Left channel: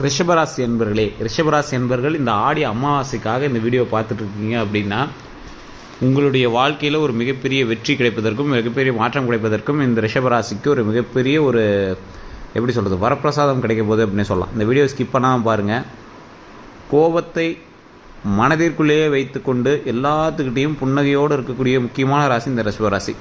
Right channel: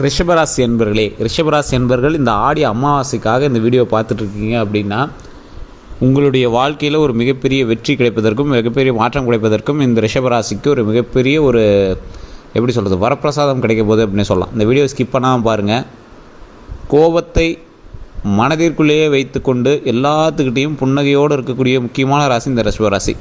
ரிஷபராசி என்பர்களே, ரிஷபராசி என்பர்கள் இந்த ஆடி அமாவாசைக்காக இந்த வீடியோ பார்த்துட்ருக்கீங்க அப்படின்னா, உங்களுடைய வாழ்க்கையில் ஒரு மிகப்பெரிய வெற்றி கிடைப்பதற்கும் மிகப்பெரிய மாற்றம் கிடைப்பதற்கும் இந்த ரிஷபராசிக்கு ஒரு மிகப்பெரிய ஒரு எப்படி சொல்கிறது வரப்பிரசாதம் கிடைக்க போகுது அப்படின்னு சொல்லலாம். இந்த வீடியோ ஸ்கிப் பண்ணாமல் பாருங்கள். கோபத்தை மனதிற்குள்ளேயே வைத்துக்கொண்டு எல்லாத்துக்கிட்டேயும் புன்னகையோடு இருக்கக்கூடிய முக்கியமான ராசி இந்த ரிஷபராசி.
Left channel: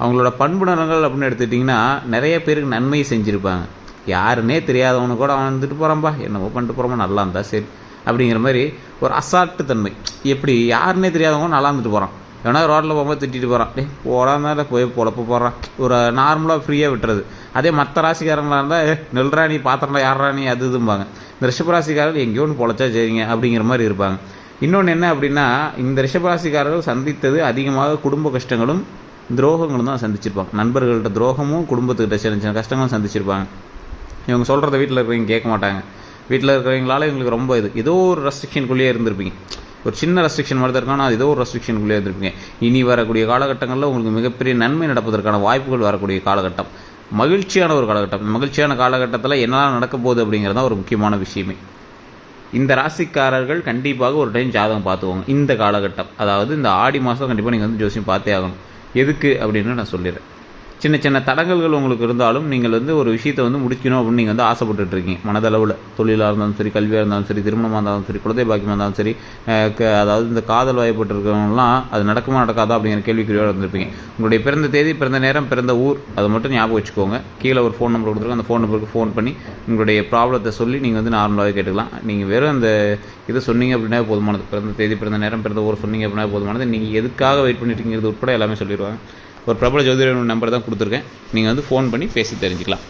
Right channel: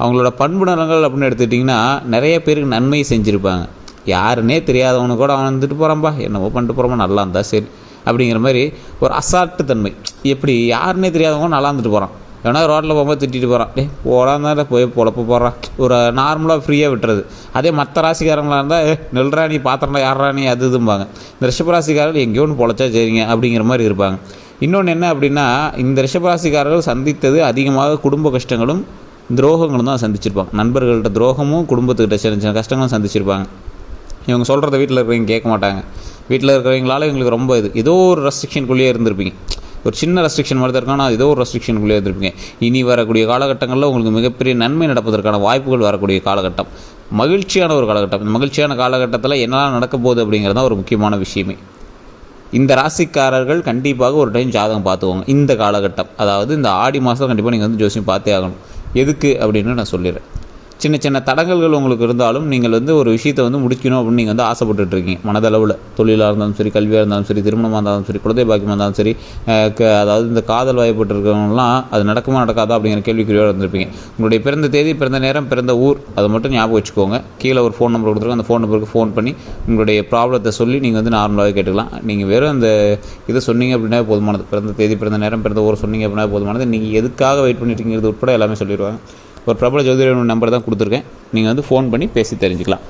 அவங்களோட பண்பு நலங்கள் அப்படின்னு எடுத்துக்கிட்டிங்கன்னா, நிறைய பேருக்கு நன்மை செஞ்சுருப்பாங்க. யாருன்னே தெரியாதவனு கூட அவன் வந்துட்டு போகிறான்பா, என்னவோ பண்ணிட்டு போகிறோமா, நல்லா இருந்தால் சரி அப்படிங்கிற மாதிரி ஒரு அசால்ட்டு தன்மை. எப்படி யாருன்னே தெரியாதவங்க நல்லா இருந்துட்டு போகிறான், ஏன்னா ரோட்டில் போகும்போது திட்டிட்டு போகிறான், போடாந்தால போய் பொழப்பு போடுறான், ஒரு நார்மலாக ஃப்ரீயாக விட்டுறது. அதே மற்ற ராசிக்காரங்களாக இருந்தால் நெல்றா நீ பாத்திரம்டா யாரா நீ அது இதும்பாங்க. இந்த ரிஷபராசிக்காரர்கள் எங்கேயோ ஒன்று பொழைச்சா சரிங்க அப்படிங்கிற மாதிரி இருப்பாங்க. இன்னொன்று என்ன அப்படின்னா, இந்த ரிஷபராசிக்காரர்கள் சந்தித்தது அதிகமாக குடும்ப கஷ்டங்களும் துரோகங்களும் தான் சந்திச்சிருப்பாங்க. நண்பர்கள்ட்ட துரோகமும் குடும்பத்துக்கிட்ட சின்ன சின்ன கஷ்டங்களும் சந்திச்சிருப்பாங்க. இவங்க சொல்கிறத வீட்டில் இருக்கிறவங்க கேட்க மாட்டாங்க. வீட்டில் இருக்கிறவங்களால இவங்களுக்கு ரொம்ப ஏதோ ஒரு ரெஸ்ட்ரிக்ஷனுக்குள்ளேயே இருந்திருப்பீங்க. ஒரு சின்ன ரெஸ்ட்ரிக்ஷன் மாதிரி தான் இருக்கானா, ஏதோ ஒரு ரெஸ்ட்ரிக்ஷனுக்குள்ளேயே இருந்திருப்பீங்க. இனி வரக்கூடிய காலகட்டங்களில் உங்களுக்கு மிகப்பெரிய நன்மை நடப்பதற்கான வாய்ப்புகள் வரக்கூடிய காலகட்டம், மகிழ்ச்சியான ஒரு காலகட்டம். இந்த மகிழ்ச்சியான காலகட்டத்தில் என்னெல்லாம் நடக்க போகுது அப்படிங்கிறது தான் ஒரு முக்கியமான விஷயமே. இந்த ராசிக்காரர்கள் கண்டிப்பாக ஒரு டைம் ஜாதகம் பார்த்துக்கோங்க. இந்த காலகட்டம், அதாவது இந்த ஆடி மாதம் கண்டிப்பாக நீங்கள் வந்து ஜோசியம் பார்த்தே ஆகணும். எதுக்கு அப்படின்னு நான் சொல்லிடுறேன். சின்ன சின்ன தடங்கல்கள் உங்களுக்கு இருந்தாலும் நீங்கள் வந்து ஒரு விஷயத்தை வந்து முடிக்கணும் அப்படின்னு நீங்கள் வந்து ஆசைப்பட்டுருக்கீங்க மனதளவில். தொழிலாக இருந்தாலும் சரி, கல்வியாக இருந்தாலும் சரி, திருமணமாக இருந்தாலும் சரி, குழந்தை பாக்கியமாக இருந்தாலும் சரி, அதாவது இந்த காதல் வாய்ப்பட்டிருக்கிறவங்களாம் அது நடக்குமா நடக்காதா அப்படிங்கிற கேள்விக்குறியோடு இருந்திருப்பீங்க. உங்களுடைய பிறந்த தேதி, பிறந்த நேரம், பிறந்த ஊர் அதை மட்டும் ஞாபகம் வச்சுக்கோங்க. கீழே ஒரு ஃபோன் நம்பர் கொடுத்துருக்கோம். அந்த ஃபோன் நம்பருக்கு ஃபோன் பண்ணி உங்களுடைய ப்ராப்ளத்தை சொல்லி நீங்கள் வந்து நார்மலாகவே கேட்டுக்கலாம். நீங்கள் வெறும் அந்த இதை சொன்னீங்க அப்படின்னா போதுமானது. பிறந்த தேதி, பிறந்த நேரம், பிறந்த ஊர் சொன்னீங்க அப்படின்னா போதுமானது. நீங்கள் எதுக்காக வெயிட் பண்ணிட்டுருக்கிறது உட்பட எல்லாமே சொல்லிடுவாங்க. ஒரு பிரபல ஜோதிடர் நம்பர் தான் கொடுத்துருக்கேன். நீங்கள் வந்து ஃபோன் பண்ணி பேசி தெரிஞ்சுக்கலாம்.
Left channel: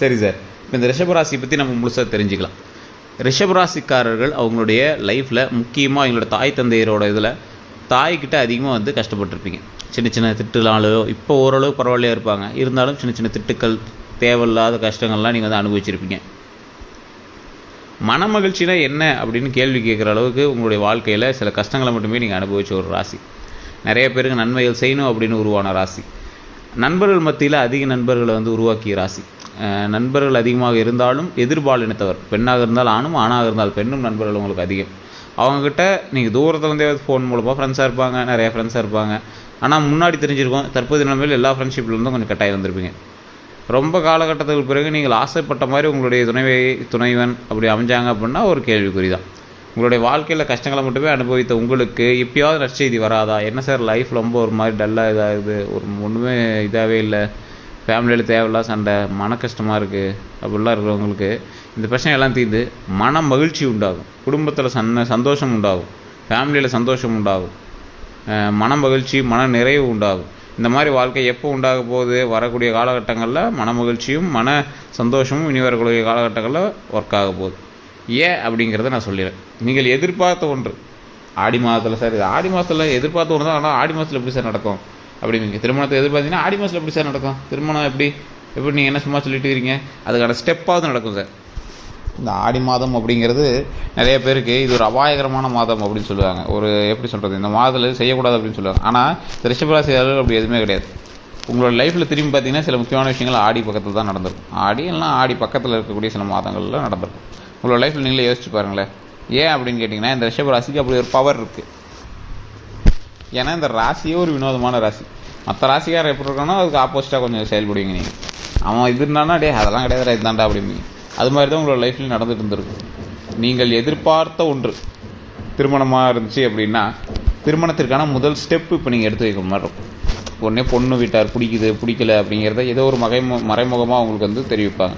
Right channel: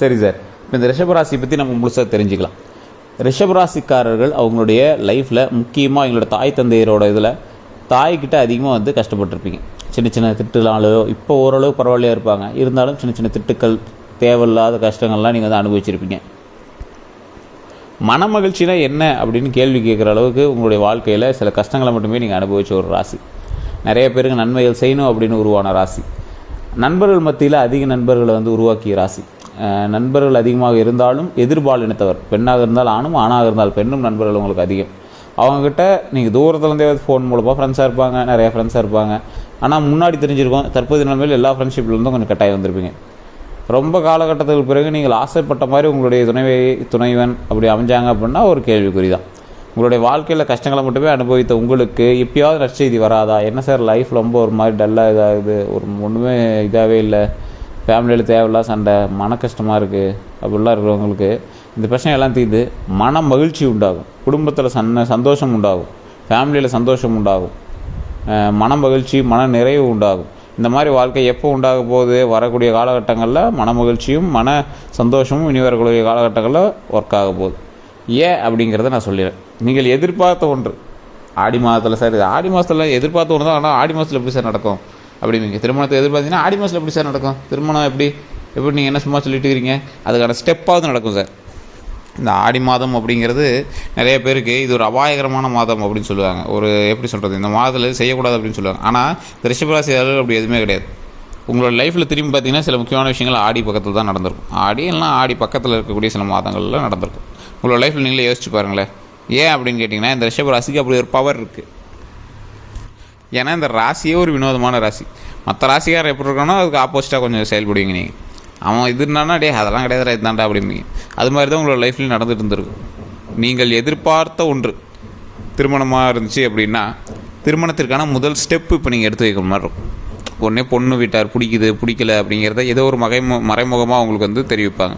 சரி சார், இப்போ இந்த ரிஷபராசி பற்றி நம்ம முழுசாக தெரிஞ்சுக்கலாம். ரிஷபராசிக்காரர்கள் அவங்களுடைய லைஃப்பில் முக்கியமாக அவங்களோட தாய் தந்தையரோட இதில் தாய்கிட்ட அதிகமாக வந்து கஷ்டப்பட்டுருப்பீங்க. சின்ன சின்ன திட்டுனாலோ இப்போ ஓரளவு பரவாயில்லையாக இருப்பாங்க, இருந்தாலும் சின்ன சின்ன திட்டுக்கள், தேவையில்லாத கஷ்டங்கள்லாம் நீங்கள் வந்து அனுபவிச்சிருப்பீங்க. மன மகிழ்ச்சினா என்ன அப்படின்னு கேள்வி கேட்குற அளவுக்கு உங்களுடைய வாழ்க்கையில் சில கஷ்டங்களை மட்டுமே நீங்கள் அனுபவிச்ச ஒரு ராசி. நிறைய பேருக்கு நன்மைகள் செய்யணும் அப்படின்னு உருவான ராசி. நண்பர்கள் மத்தியில் அதிக நண்பர்களை வந்து உருவாக்கிய ராசி. நண்பர்கள் அதிகமாக இருந்தாலும் எதிர்பாலினத்தவர், பெண்ணாக இருந்தால் ஆணும், ஆணாக இருந்தால் பெண்ணும் நண்பர்கள் உங்களுக்கு அதிகம். அவங்கக்கிட்ட நீங்கள் தூரத்துலேருந்தே ஃபோன் மூலமாக ஃப்ரெண்ட்ஸாக இருப்பாங்க, நிறைய ஃப்ரெண்ட்ஸாக இருப்பாங்க. ஆனால் முன்னாடி தெரிஞ்சிருக்கும், தற்போதைய நிலைமையில் எல்லா ஃப்ரெண்ட்ஷிப்லேருந்தும் கொஞ்சம் கட்டாயம் வந்திருப்பீங்க. ரொம்ப காலகட்டத்துக்கு பிறகு நீங்கள் ஆசைப்பட்ட மாதிரி உங்களுடைய துணைவன் அப்படி அமைஞ்சாங்க அப்படின்னா ஒரு கேள்விக்குறி தான். உங்களுடைய வாழ்க்கையில் கஷ்டங்களை மட்டுமே அனுபவித்த உங்களுக்கு எப்பயாவது நற்செய்தி வராதா? என்ன சார் லைஃப் ரொம்ப ஒரு மாதிரி டல்லாக இதாகுது, ஒன்றுமே இதாகவே இல்லை, ஃபேமிலியில் தேவையில்லாம் சண்டை, மன கஷ்டமாக இருக்குது அப்படிலாம் இருக்கிறவங்களுக்கு இந்த பிரச்சனை எல்லாம் தீர்ந்து மன மகிழ்ச்சி உண்டாகும், குடும்பத்தில் சந்தோஷம் உண்டாகும், ஃபேமிலியில் சந்தோஷம் உண்டாகும், மன மகிழ்ச்சி, மன நிறைவு உண்டாகும். இந்த மாதிரி வாழ்க்கை எப்போ உண்டாக போகுது? வரக்கூடிய காலகட்டங்களில் மன மகிழ்ச்சியும் மன சந்தோஷமும் இனி வரக்கூடிய காலகட்டங்களில் ஒர்க் ஆக போகுது. ஏன் அப்படிங்கிறத நான் சொல்லிடுறேன். நீங்கள் எதிர்பார்த்த ஒன்று ஆடி மாதத்தில் சார், இது ஆடி மாதத்தில் எதிர்பார்த்த ஒன்று தான், ஆனால் ஆடி மாதத்தில் எப்படி சார் நடக்கும் அப்படிங்க. திருமணத்தை எதிர்பார்த்தீங்கன்னா ஆடி மாதத்தில் எப்படி சார் நடக்கும்? திருமணம் எப்படி நீங்கள் என்ன சும்மா சொல்லிட்டு இருக்கீங்க? அதுக்கான ஸ்டெப்பாவது நடக்கும் சார். இந்த ஆடி மாதம் அப்படிங்கிறது நிறைய பேருக்கு இது ஒரு அபாயகரமான மாதம் அப்படின்னு சொல்லுவாங்க. ஒரு எப்படி சொல்கிறது, இந்த மாதத்தில் செய்யக்கூடாது அப்படின்னு சொல்லுவாங்க. ஆனால் ரிஷபராசியாளர்கள் அப்படி எதுவுமே கிடையாது. உங்களோட லைஃப்பில் திரும்பி பார்த்தீங்கன்னா சில முக்கியமான விஷயங்கள் ஆடி பக்கத்தில் தான் நடந்திருக்கும். ஆடி எல்லாம் ஆடி பக்கத்தில் இருக்கக்கூடிய சில மாதங்கள்லாம் நடந்திருக்கும். உங்களோட லைஃப்பில் நீங்களே யோசிச்சு பாருங்களேன். ஏன் அப்படின்னு கேட்டிங்கன்னா, இந்த ரிஷப ராசிக்கு அப்படி ஒரு பவர் இருக்குது. ஏன்னா இந்த ராசியே ஒரு வினோதமான ராசி. மற்ற ராசிக்காரர் எப்படி இருக்கானோ அதுக்கு ஆப்போசிட்டாக கொஞ்சம் செயல்படுவீங்க நீங்கள். அவன் இது இருந்தானா அதெல்லாம் கிடையாது இதுதான்டா அப்படிம்பீங்க. அது மாதிரி தான் உங்களோட லைஃப்லையும் நடந்துட்டு இருந்திருக்கும். நீங்கள் எதிர்பார்த்த ஒன்று திருமணமாக இருந்துச்சு அப்படின்னா, திருமணத்திற்கான முதல் ஸ்டெப்பு இப்போ நீங்கள் எடுத்து வைக்கிற மாதிரி இருக்கும். உடனே பொண்ணு வீட்டார் பிடிக்குது பிடிக்கல அப்படிங்கிறத ஏதோ ஒரு மறைமுகமாக அவங்களுக்கு வந்து தெரிவிப்பாங்க.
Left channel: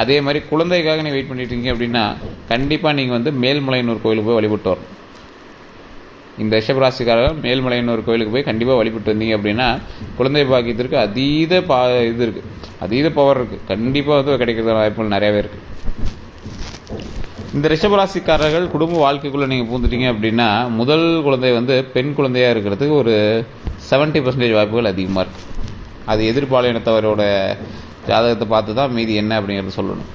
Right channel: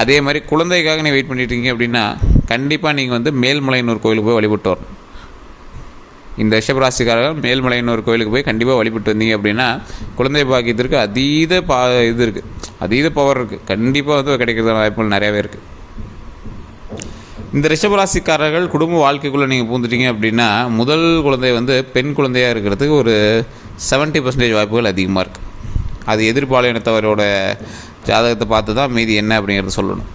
அதே மாதிரி குழந்தைக்காக நீங்கள் வெயிட் பண்ணிட்டீங்க அப்படின்னா, கண்டிப்பாக நீங்கள் வந்து மேல்மலையனூர் கோயிலுக்கு போய் வழிபட்டு வரணும். இந்த ரிஷபராசிக்காரர்கள் மேல்மலையனூர் கோயிலுக்கு போய் கண்டிப்பாக வழிபட்டு வந்தீங்க அப்படின்னா, குழந்தை பாக்கியத்திற்கு இது இருக்குது, அதீத பவர் இருக்குது. கண்டிப்பாக வந்து கிடைக்கிற வாய்ப்புகள் நிறையாவே இருக்குது. இந்த ரிஷபராசிக்காரர்கள் குடும்ப வாழ்க்கைக்குள்ளே நீங்கள் பூந்துட்டீங்க அப்படின்னா, முதல் குழந்தை வந்து பெண் குழந்தையாக இருக்கிறதுக்கு ஒரு 70% வாய்ப்புகள் அதிகமாக இருக்குது. அது எதிர்பாலினத்தவரோட ஜாதகத்தை பார்த்து தான் மீதி என்ன அப்படிங்கிறது சொல்லணும்.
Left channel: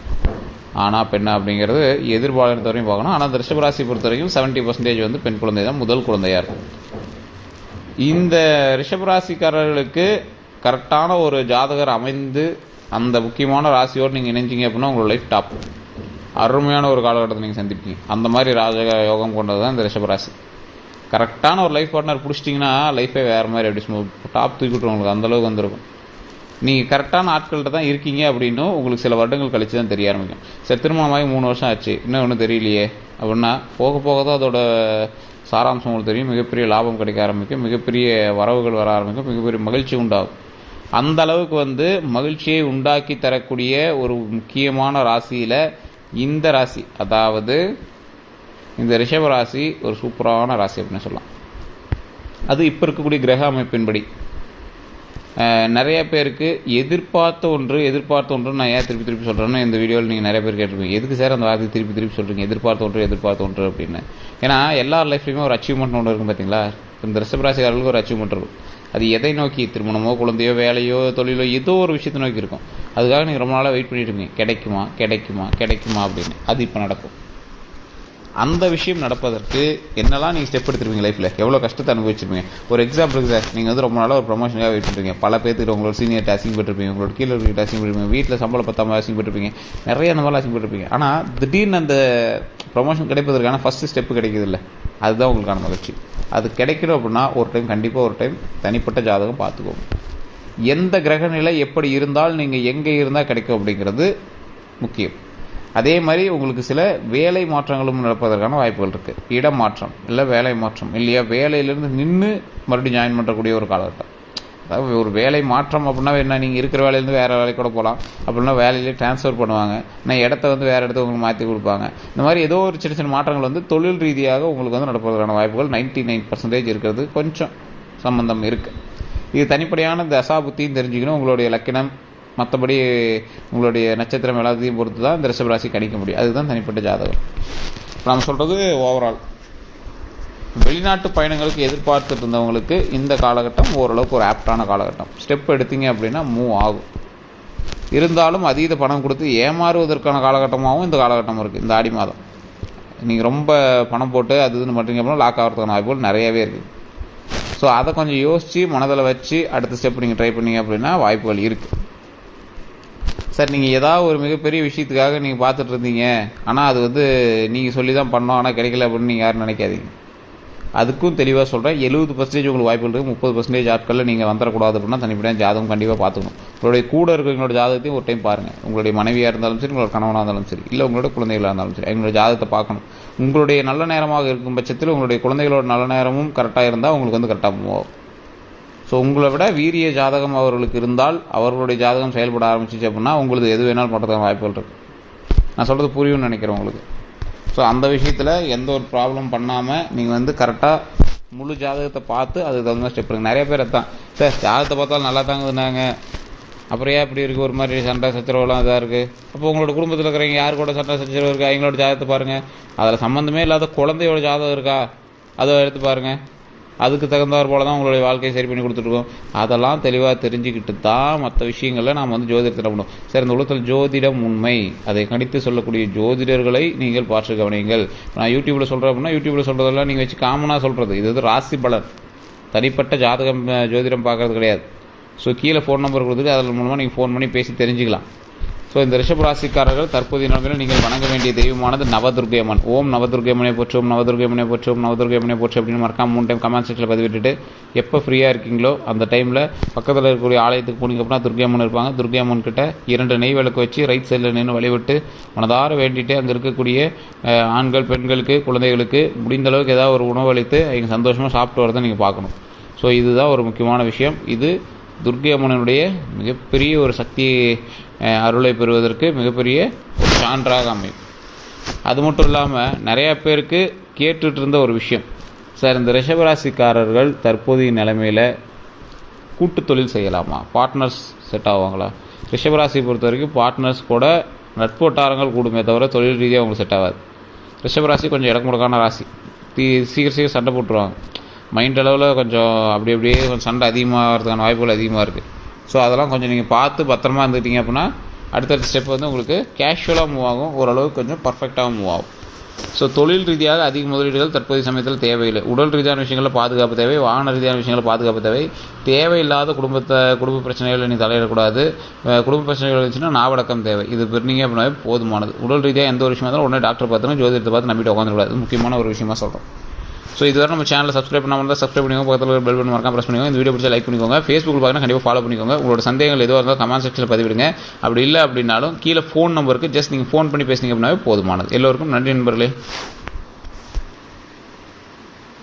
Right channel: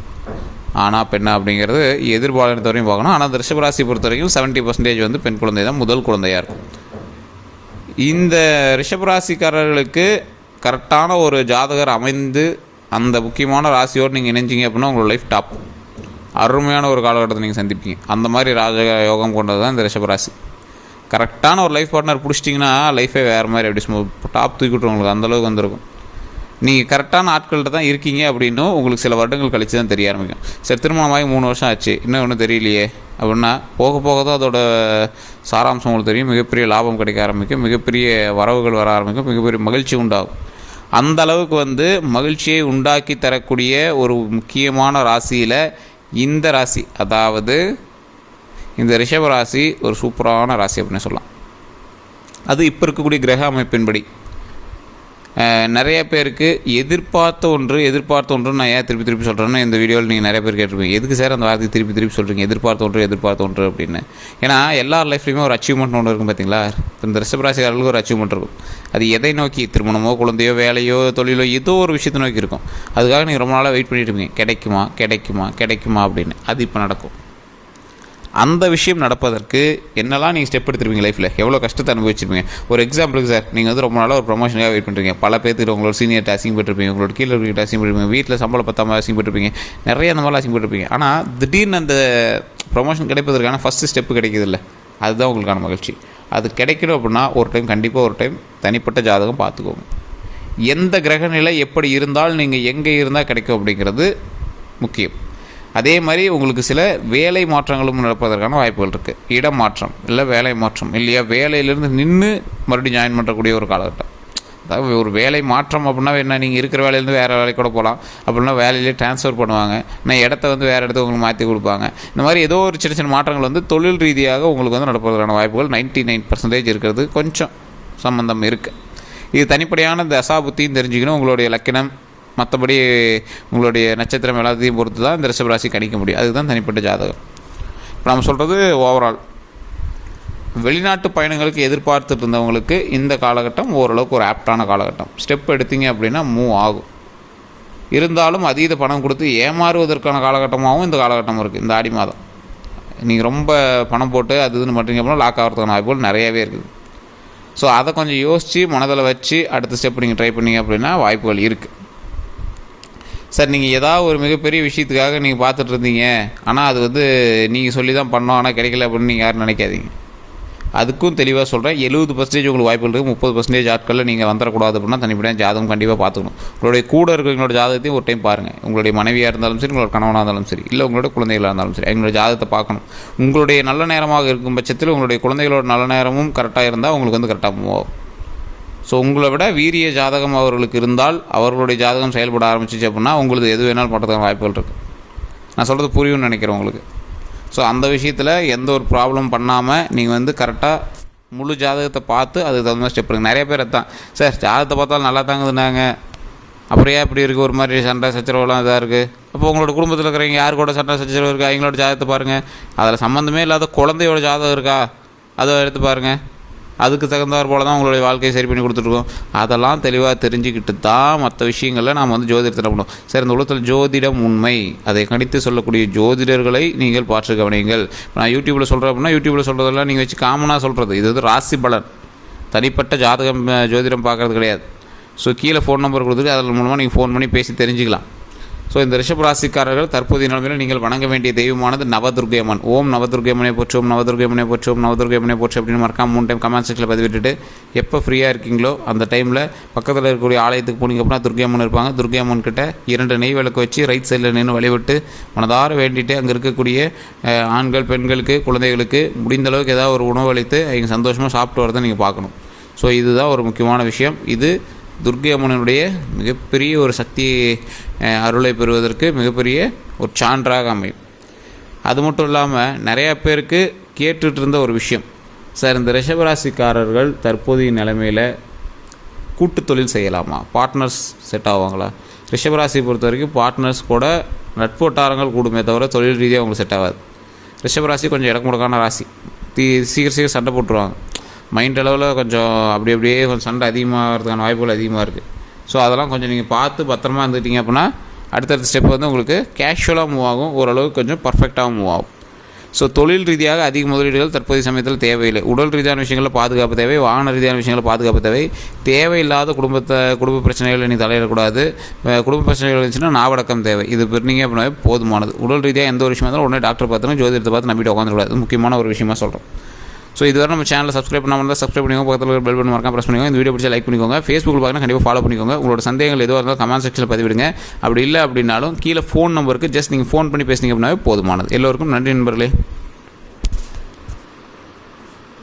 ஆனால் பெண்ணா அப்படிங்கிறது எதிர்பாலினத்தவரையும் பார்க்கணும். ஆனால் அந்த ரிஷபராசி பொறுத்த வரைக்கும் 70% வந்து பெண் குழந்தை தான் முதல் குழந்தையாக இருக்கும். இந்த ரிஷபராசிக்காரர்களுக்கு கரெக்டான ஒரு ஜாதகர் அமைந்து அந்த முக்கியமான ராசியோடு நீங்கள் இணைஞ்சிங்க அப்படின்னா உங்களோட லைஃப் டாப். அருமையான ஒரு காலகட்டத்தை நீங்கள் சந்திப்பீங்க. அந்த மாதிரி ராஜ யோகம் கொண்டது தான் இந்த ரிஷபராசி. கரெக்டான ஒரு லைஃப் பார்ட்னர் பிடிச்சிட்டிங்கன்னா லைஃபே வேறு மாதிரி அப்படி டாப் தூக்கிட்டு உங்களுக்கு அந்தளவுக்கு வந்திருக்கும். நீங்கள் கரெக்டான ஆட்கள்கிட்ட தான் இருக்கீங்க அப்படின்னும் உங்களுக்கு சில வருடங்கள் கழித்து தான் தெரிய ஆரம்பிக்கும். சரி, திருமணமாகி 3 வருஷம் ஆச்சு, இன்னும் ஒன்றும் தெரியலையே அப்படின்னா போக போக தான் அதோட சாராம்சம் உங்களுக்கு தெரியும். மிகப்பெரிய லாபம் கிடைக்க ஆரம்பிக்கும், மிகப்பெரிய வரவுகள் வர ஆரம்பிக்கும், மிகப்பெரிய மகிழ்ச்சி உண்டாகும். அந்த அளவுக்கு மகிழ்ச்சியை உண்டாக்கி தரக்கூடிய ஒரு முக்கியமான ராசியில் இந்த ராசி, அதாவது இந்த ரிஷப ராசி ஒரு சூப்பரான ராசி அப்படின்னு சொல்லலாம். அது இப்போ இருக்கக்கூடிய கிரக அமைப்பின்படி நிறைய பேருக்கு எதிர்பார்த்த ஒன்று நான் ஏன் திருப்பி சொல்கிறேன்னு இந்த வீடியோவில் நீங்கள் நிறைய பேர் கேட்டிருப்பீங்க. எதுக்கு சார் அந்த வார்த்தையை திருப்பி சொல்கிறீங்க, எதிர்பார்த்த ஒன்று அப்படின்னு? ஏன்னா எல்லார் லைஃப்லையுமே ஒரு அச்சீவ்மெண்ட் ஒன்று இருக்கும் பார்த்தீங்களா. இந்த ரிஷபராசிக்காரர்களுக்கு ஒரு அச்சீவ்மெண்ட் இருக்கும். அது எதை நோக்கி? திருமணமோ, குழந்தையோ, வேலையோ, தொழிலோ, ஏதோ ஒரு விஷயத்தை நோக்கி இருக்கும். அதுக்காக நீங்கள் ரொம்ப நாளாக வெயிட் பண்ணிட்டு இருப்பீங்க, கிடைக்குமா அப்படின்னு. அது இப்போ நடக்கும். அந்த விஷயம் நடப்பதற்கு என்னெல்லாம் நீங்கள் ஸ்டெப் எடுத்துருப்பீங்க லைஃப்பில், எவ்வளோ கஷ்டத்தை அனுபவிச்சிருப்பீங்க. ஒரு எக்ஸாம்பிளுக்கு சார், நீங்கள் ரொம்ப நாளாக ஒரு ப்ரொமோஷனுக்காக வெயிட் பண்ணுறீங்க. பல பேருக்கு உங்களோட சீனியர் அசிங் பண்ணிருப்பீங்க, உங்களோட கீழே இருக்கிட்ட அசிங் பண்ணிருப்பீங்க, வீட்டில் சம்பளம் பத்தாமல் அசிங் பண்ணிருப்பீங்க, நிறைய அந்த மாதிரிலாம் அசிங் பண்ணிருப்பீங்க. ஆனால் திடீர்னு அந்த ப்ரொமோஷன் கிடைப்பதற்கான ஃபஸ்ட்டு ஸ்டெப்பு கிடைக்கிதில்ல, அதுதான் உங்களுக்கான மகிழ்ச்சி. அது கிடைக்கணும் அப்படின்னா கண்டிப்பாக ஒரு டைம் தனிப்பட்ட ஜாதகம் பார்த்துக்கோங்க. எந்த கிரகநிலை எப்படி இருந்தால் நீங்கள் எங்கே இருந்தால் கிடைக்கும் அப்படிங்கிறது முக்கியம். அதே மாதிரி உங்களுக்கு சில வேலை மாற்றங்களும் நடப்பதற்கான வாய்ப்புகள் இருக்குது. இடம் மாற்றம் இல்லை வேலை மாற்றம் இல்லையா, வேலையிலேருந்து நின்று மறுபடியும் ஜாயின் பண்ணுறக்கூடிய ஒரு காலகட்டம். அதாவது ஒரு வேலை மாற்றம் அப்படின்னா என்ன, நீங்கள் இருக்கிற வேலையிலேருந்து வேறு வேலைக்கு கூட போகலாம். அப்படின்னா வேலையிலே ட்ரான்ஸ்ஃபர் பண்ணுவாங்க, நான் இடத்த வேறு இடத்துக்கு உங்களுக்கு மாற்றி கொடுப்பாங்க. இந்த மாதிரி ஏதோ ஒரு சின்ன மாற்றங்கள் தொழில் ரீதியாக உங்களுக்கு நடப்பதற்கான வாய்ப்புகள் 99% இருக்கிறது. கொஞ்சம் சம்பந்தம் இருக்குது. இது தனிப்படையான தசா புத்தியும் தெரிஞ்சுக்கணும், உங்களுடைய லக்கினம், மற்றபடி உங்களுடைய நட்சத்திரம் எல்லாத்தையும் பொறுத்து தான் இந்த ரிஷபராசி கணிக்க முடியும். அதுதான் தனிப்பட்ட ஜாதகம். இப்போ நம்ம சொல்கிறது ஓவரால் வெளிநாட்டு பயணங்களுக்கு எதிர்பார்த்துட்டு இருந்தவங்களுக்கு இந்த காலகட்டம் ஓரளவுக்கு ஒரு ஆப்டான காலகட்டம். ஸ்டெப் எடுத்தீங்க அப்படின்னா மூவ் ஆகும். இருந்தாலும் அதீத பணம் கொடுத்து ஏமாறுவதற்கான காலகட்டமாகவும் இந்த காலகட்டம் இருக்குது. இந்த ஆடி மாதம் நீங்கள் ரொம்ப பணம் போட்டு அது இதுன்னு பண்ணுறீங்க அப்படின்னா லாக் ஆகிறதுக்கான வாய்ப்புகள் நிறையாவே இருக்குது. ஸோ அதை கொஞ்சம் யோசித்து மனதில் வச்சு அடுத்த ஸ்டெப் நீங்கள் ட்ரை பண்ணிங்க அப்படின்னா வாய்ப்புகள் இருக்குது. சார், நீங்கள் ஏதாவது ஒரு மிகப்பெரிய விஷயத்துக்காக நீங்கள் பார்த்துட்டு இருந்தீங்க, ஆனால் அது நீங்கள் சொல்லி தான் பண்ணோம், ஆனால் கிடைக்கல அப்படின்னு நீங்கள் யாரும் நினைக்காதீங்க. அதுக்கும் தெளிவாக சொல்கிறேன். 70% உங்களுக்கு வாய்ப்புகள் இருக்குது. 30% ஆட்களில் நீங்கள் வந்துடக்கூடாது அப்படின்னா தனிப்படையாக ஜாதகம் கண்டிப்பாக பார்த்துக்கணும். உங்களுடைய கூட இருக்கிறவங்களோட ஜாதகத்தையும் ஒரு டைம் பாருங்கள். உங்களுடைய மனைவியாக இருந்தாலும் சரி, உங்களோட கணவனாக இருந்தாலும் சரி, இல்லை உங்களோட குழந்தைகளாக இருந்தாலும் சரி, அவங்களோட ஜாதகத்தை பார்க்கணும். உங்களுடைய நல்ல நேரமாக இருக்கும் பட்சத்தில் உங்களுடைய குழந்தைகளோட நல்ல நேரமும் கரெக்டாக இருந்தால் உங்களுக்கு கரெக்டாக மூவ் ஆகும். ஸோ உங்களை விட வீரிய ஜாதகம் அவர்களுக்கு இருந்தால், அவர்களுடைய ஜாதகம் செயல்பட ஆரம்பிச்சிச்சு அப்படின்னா உங்களுக்கு எது வேணாலும் பண்ணுறதுக்கு வாய்ப்புகள் இருக்குது. நான் சொல்கிறது புரியும்னு நினைக்கிறேன் உங்களுக்கு. ஸோ அந்த விஷயத்தில் எந்த ஒரு ப்ராப்ளம் பண்ணாமல் நீங்கள் கரெக்டாக முழு ஜாதகத்தை பார்த்து அதுக்கு தகுந்த மாதிரி ஸ்டெப் எடுங்க. நிறைய பேர் தான், சார் ஜாதகத்தை பார்த்தாலும் நல்லா தாங்குதுனாங்க, அப்புறம் ஏன் இப்படி இருக்குது, ஒரு மாதிரி சண்டை சச்சரவுலாம் இதாக இருக்குது. அப்போ உங்களோட குடும்பத்தில் இருக்கிறவங்க யார் கூட சண்டை சச்சரவு இருக்கா, அவங்களோட ஜாதகத்தை பாருங்கள். அதில் சம்மந்தமே இல்லாத குழந்தையோட ஜாதகம் இருக்கா, அதை எடுத்து பாருங்கள். அதுக்கு தகுந்தாற் போல தான் உங்களுடைய வாழ்க்கையை சரி பண்ணி கொடுத்துருக்கோம். அதெல்லாம் தெளிவாக தெரிஞ்சுக்கிட்டு தான் மற்ற விஷயங்களில் நாம் ஜோதிடத்தில் பண்ணணும். சார், இந்த உலகத்தில் ஜோதிடம் உண்மை, அதை கணித்து சொல்லக்கூடிய ஜோதிடர்களை நீங்கள் பார்த்து கவனியுங்கள். நான் யூடியூப்பில் சொல்கிறேன் அப்படின்னா யூடியூப்பில் சொல்கிறதெல்லாம் நீங்கள் வச்சு காமனாக சொல்கிறது. இது ராசி பலன், தனிப்பட்ட ஜாதகம் ஜோதிடம் பார்க்குறது கிடையாது. ஸோ கீழே ஃபோன் நம்பர் கொடுத்துட்டு அதன் மூலமாக நீங்கள் ஃபோன் பண்ணி பேசி தெரிஞ்சுக்கலாம். ஸோ இந்த ரிஷப ராசிக்காரர்கள் தற்போதைய நிலைமையில் நீங்கள் வணங்க வேண்டிய தெய்வமானது நவதுர்க்கை அம்மன். ஓம் நவதுர்க்கை அம்மனை போற்றோம், நவதுர்க்கை அம்மனை போற்றோம், நவதுர்க்கை அம்மனை போற்றோம் அப்படின்னு மறக்காம 3 டைம் கமெண்ட் செக்ஷனில் பதிவிட்டுட்டு எப்போ ஃப்ரீயாக இருக்கீங்களோ அந்த டைமில் பக்கத்தில் இருக்கக்கூடிய ஆலயத்துக்கு போனீங்க அப்படின்னா துர்க்கை அம்மன் இருப்பாங்க. துர்க்கை அம்மன் கிட்ட 2 நெய் விளக்கு வச்சு ரைட் சைடில் நின்று வழிபட்டு மனதார வேண்டிட்டு அங்கே இருக்கக்கூடிய ஆண்கள், பெண்களுக்கு, குழந்தைகளுக்கு முடிந்த அளவுக்கு ஏதாவது ஒரு உணவு அளித்து அவங்க சந்தோஷமாக சாப்பிட்டு வரதை நீங்கள் பார்க்கணும். ஸோ இதுதான் ஒரு முக்கியமான விஷயம். இது துர்க்கை அம்மனுடைய மிகப்பெரிய ஒரு சக்தி அருளை பெறுவதற்கு மிகப்பெரிய ஒரு சான்றாக அமையும். அது மட்டும் இல்லாமல் நிறையா பேருக்கு கேட்டுட்டு இருந்த ஒரு விஷயம், சார் இந்த ரிஷபராசிக்காரர்கள் தற்போதைய நிலைமையில் கூட்டு தொழில் செய்யலாமா, பார்ட்னர்ஸ் செட் ஆவாங்களா? ரிஷபராசியை பொறுத்த வரைக்கும் பார்ட்னர்ஸ் கூட நட்பு வட்டாரங்கள் கூடுமே தவிர தொழில் ரீதியாக அவங்களுக்கு செட் ஆகாது. ரிஷபராசி கொஞ்சம் இடமுடக்கான ராசி, சீக்கிரம் சண்டை போட்டுருவாங்க. மைண்ட் அளவில் கொஞ்சம் அப்படியே கொஞ்சம் சண்டை அதிகமாகிறதுக்கான வாய்ப்புகள் அதிகமாக இருக்குது. ஸோ அதெல்லாம் கொஞ்சம் நீங்கள் பார்த்து பத்திரமா இருந்துக்கிட்டீங்க அப்படின்னா அடுத்தடுத்த ஸ்டெப் உங்களுக்கு கேஷுவலாக மூவ் ஆகும், ஓரளவுக்கு கொஞ்சம் பர்ஃபெக்டாக மூவ் ஆகும். ஸோ தொழில் ரீதியாக அதிக முதலீடுகள் தற்போதைய சமயத்தில் தேவையில்லை. உடல் ரீதியான விஷயங்களில் பாதுகாப்பு தேவை, வாகன ரீதியான விஷயங்களில் பாதுகாப்பு தேவை. தேவையில்லாத குடும்ப பிரச்சனைகளை நீ தலையிடக்கூடாது. குடும்ப பிரச்சனைகள் இருந்துச்சுன்னா நாவடக்கம் தேவை. இது பெருனீங்க அப்படின்னா போதுமானது. உடல் ரீதியாக எந்த ஒரு விஷயமா இருந்தாலும் உடனே டாக்டர் பார்த்துன்னு ஜோதிடத்தை பார்த்து நம்பிட்டு உட்காந்துக்கூடாது. இது முக்கியமான ஒரு விஷயமா சொல்கிறோம். ஸோ இதுவரை நம்ம சேனலை சப்ஸ்கிரைப் பண்ணாமல் இருந்தால் சப்ஸ்கிரைப் பண்ணிக்கோங்க. பக்கத்தில் பெல் பட்டன் மறக்காம ப்ரெஸ் பண்ணிக்கோங்க. இந்த வீடியோ பிடிச்சா லைக் பண்ணிக்கோங்க. ஃபேஸ்புக்கில் பார்க்கணும் கண்டிப்பாக ஃபாலோ பண்ணிக்கோங்க. உங்களோட சந்தேகங்கள் எதுவாக இருந்தால் கமெண்ட் செக்ஷனில் பதிவிடுங்க. அப்படி இல்லை அப்படின்னாலும் கீழே ஃபோன் நம்பருக்கு ஜஸ்ட் நீங்கள் ஃபோன் பண்ணி பேசுனீங்க அப்படின்னாவே போதுமானது. எல்லோருக்கும் நன்றி நண்பர்களே.